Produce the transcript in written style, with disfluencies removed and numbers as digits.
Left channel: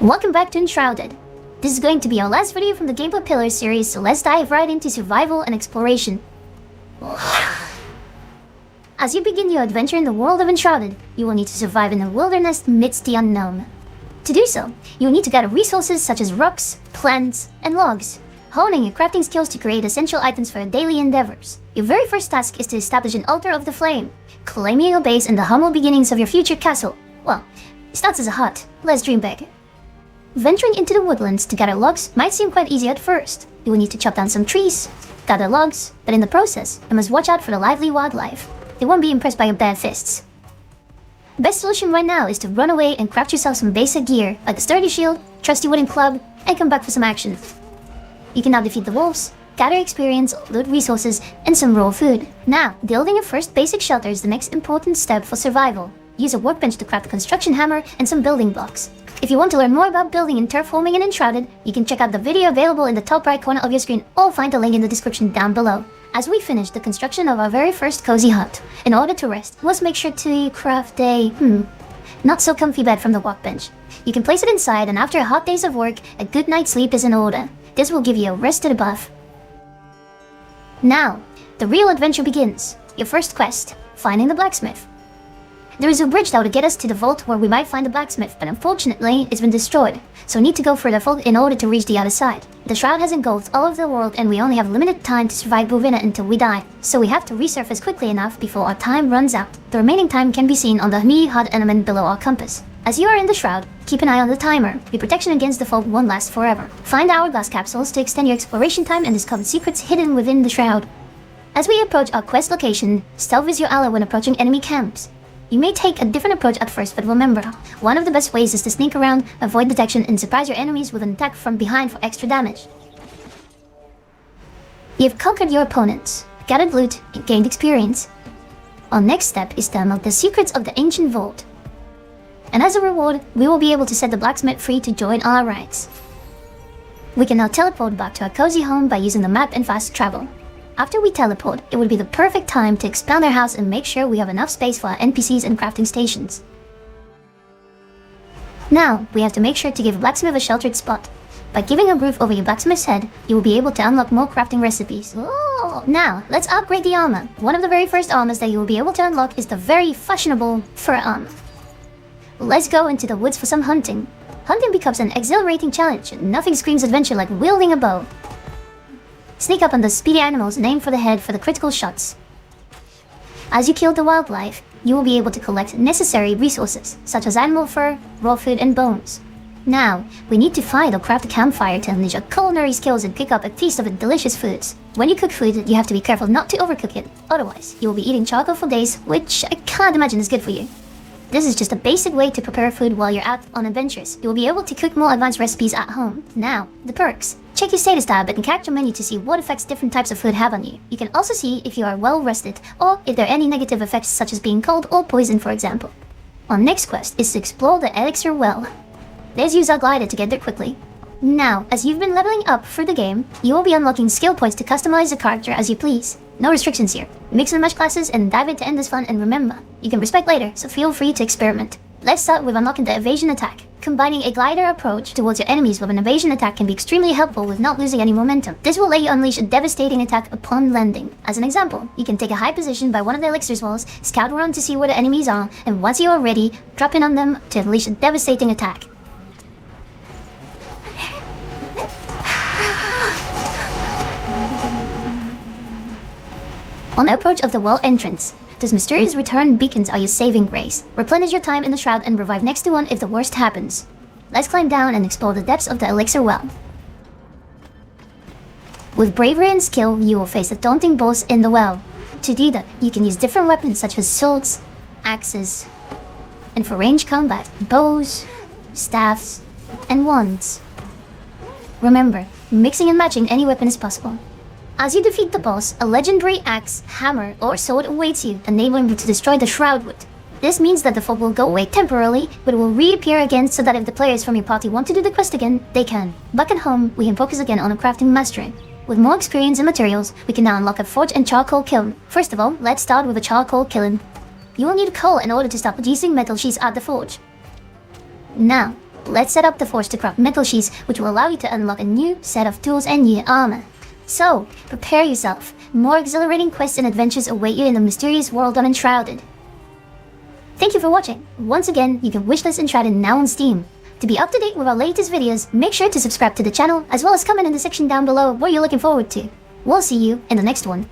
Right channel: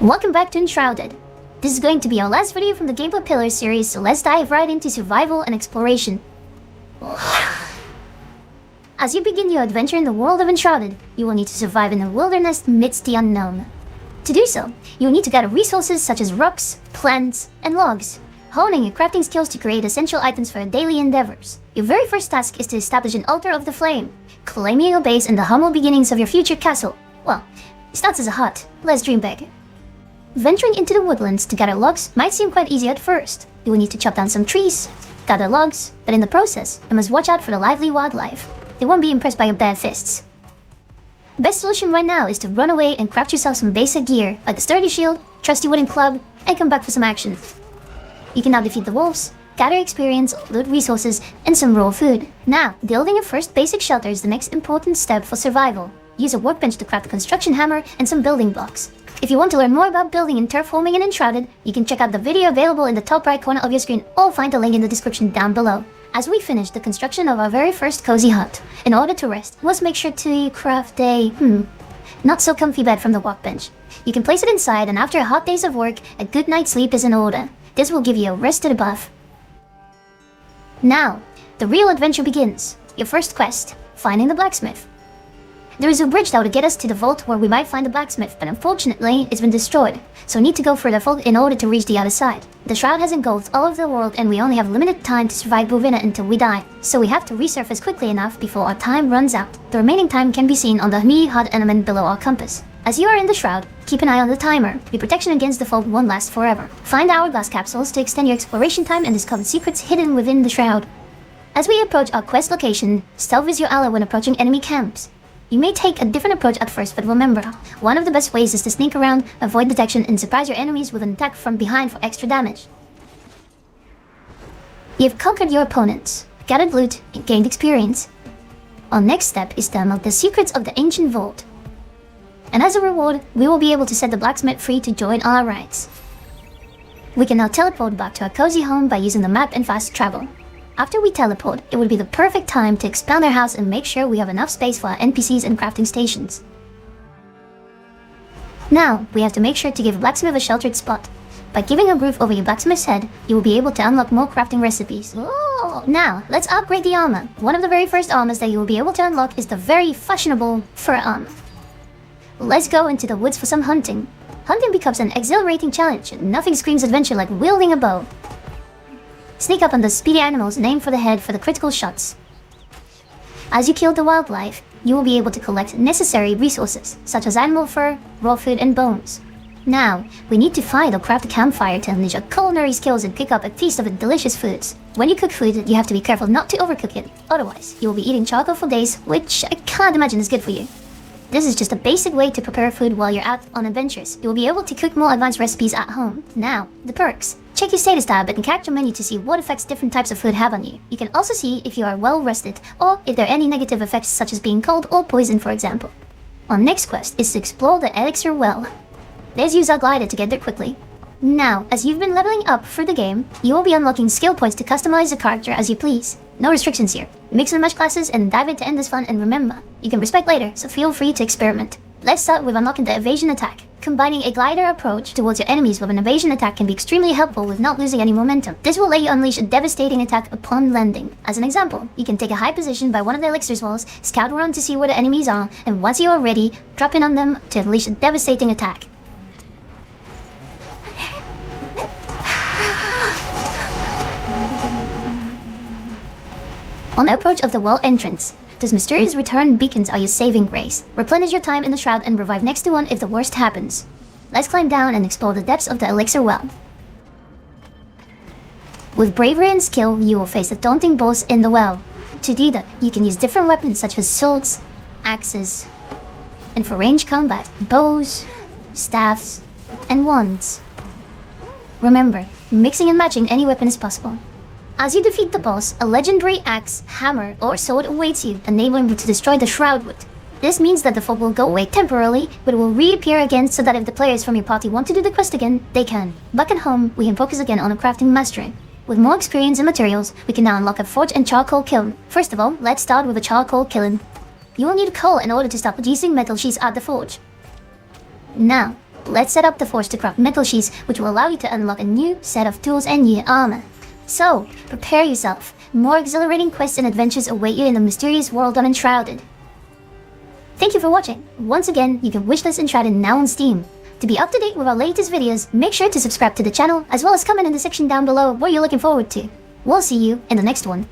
Welcome back to Enshrouded. This is going to be our last video from the Gameplay Pillars series, so let's dive right into survival and exploration. As you begin your adventure in the world of Enshrouded, you will need to survive in the wilderness amidst the unknown. To do so, you will need to gather resources such as rocks, plants, and logs, honing your crafting skills to create essential items for your daily endeavors. Your very first task is to establish an altar of the flame, claiming your base in the humble beginnings of your future castle. Well, it starts as a hut, let's dream big. Venturing into the woodlands to gather logs might seem quite easy at first. You will need to chop down some trees, gather logs, but in the process, you must watch out for the lively wildlife. They won't be impressed by your bare fists. Best solution right now is to run away and craft yourself some basic gear, like a sturdy shield, trusty wooden club, and come back for some action. You can now defeat the wolves, gather experience, loot resources, and some raw food. Now, building your first basic shelter is the next important step for survival. Use a workbench to craft a construction hammer and some building blocks. If you want to learn more about building and terraforming in Enshrouded, you can check out the video available in the top right corner of your screen or find the link in the description down below. As we finish the construction of our very first cozy hut, in order to rest, let's make sure to craft a, not so comfy bed from the workbench. You can place it inside, and after a hot days of work, a good night's sleep is in order. This will give you a rest to the buff. Now, the real adventure begins. Your first quest, finding the blacksmith. There is a bridge that would get us to the vault where we might find the blacksmith, but unfortunately, it's been destroyed, so we need to go further forward in order to reach the other side. The shroud has engulfed all of the world, and we only have limited time to survive within it until we die, so we have to resurface quickly enough before our time runs out. The remaining time can be seen on the new HUD element below our compass. As you are in the shroud, keep an eye on the timer. The protection against the fog won't last forever. Find hourglass capsules to extend your exploration time and discover secrets hidden within the shroud. As we approach our quest location, stealth is your ally when approaching enemy camps. You may take a different approach at first, but remember, one of the best ways is to sneak around, avoid detection, and surprise your enemies with an attack from behind for extra damage. You have conquered your opponents, gathered loot, and gained experience. Our next step is to unlock the secrets of the ancient vault. And as a reward, we will be able to set the blacksmith free to join our ranks. We can now teleport back to our cozy home by using the map and fast travel. After we teleport, it would be the perfect time to expand our house and make sure we have enough space for our NPCs and crafting stations. Now, we have to make sure to give a blacksmith a sheltered spot. By giving a roof over your blacksmith's head, you will be able to unlock more crafting recipes. Now, let's upgrade the armor. One of the very first armors that you will be able to unlock is the very fashionable fur armor. Let's go into the woods for some hunting. Hunting becomes an exhilarating challenge, and nothing screams adventure like wielding a bow. Sneak up on the speedy animals and aim for the head for the critical shots. As you kill the wildlife, you will be able to collect necessary resources, such as animal fur, raw food, and bones. Now, we need to find or craft a campfire to unleash our culinary skills and pick up a taste of the delicious foods. When you cook food, you have to be careful not to overcook it. Otherwise, you will be eating charcoal for days, which I can't imagine is good for you. This is just a basic way to prepare food while you're out on adventures. You will be able to cook more advanced recipes at home. Now, the perks. Check your status tab and character menu to see what effects different types of food have on you. You can also see if you are well rested, or if there are any negative effects such as being cold or poisoned, for example. Our next quest is to explore the Elixir Well. Let's use our glider to get there quickly. Now, as you've been leveling up through the game, you will be unlocking skill points to customize the character as you please. No restrictions here. Mix and match classes and dive into endless fun, and remember, you can respect later, so feel free to experiment. Let's start with unlocking the evasion attack. Combining a glider approach towards your enemies with an evasion attack can be extremely helpful with not losing any momentum. This will let you unleash a devastating attack upon landing. As an example, you can take a high position by one of the elixir's walls, scout around to see where the enemies are, and once you are ready, drop in on them to unleash a devastating attack. On the approach of the wall entrance, those mysterious return beacons are your saving grace. Replenish your time in the shroud and revive next to one if the worst happens. Let's climb down and explore the depths of the Elixir Well. With bravery and skill, you will face the daunting boss in the well. To do that, you can use different weapons such as swords, axes, and for ranged combat, bows, staffs, and wands. Remember, mixing and matching any weapon is possible. As you defeat the boss, a legendary axe, hammer, or sword awaits you, enabling you to destroy the shroud with. This means that the fog will go away temporarily, but it will reappear again so that if the players from your party want to do the quest again, they can. Back at home, we can focus again on the crafting mastery. With more experience and materials, we can now unlock a forge and charcoal kiln. First of all, let's start with a charcoal kiln. You will need coal in order to start producing metal sheets at the forge. Now, let's set up the force to craft metal sheets, which will allow you to unlock a new set of tools and new armor. So, prepare yourself. More exhilarating quests and adventures await you in the mysterious world of Enshrouded. Thank you for watching. Once again, you can wishlist Enshrouded now on Steam. To be up to date with our latest videos, make sure to subscribe to the channel, as well as comment in the section down below what you're looking forward to. We'll see you in the next one.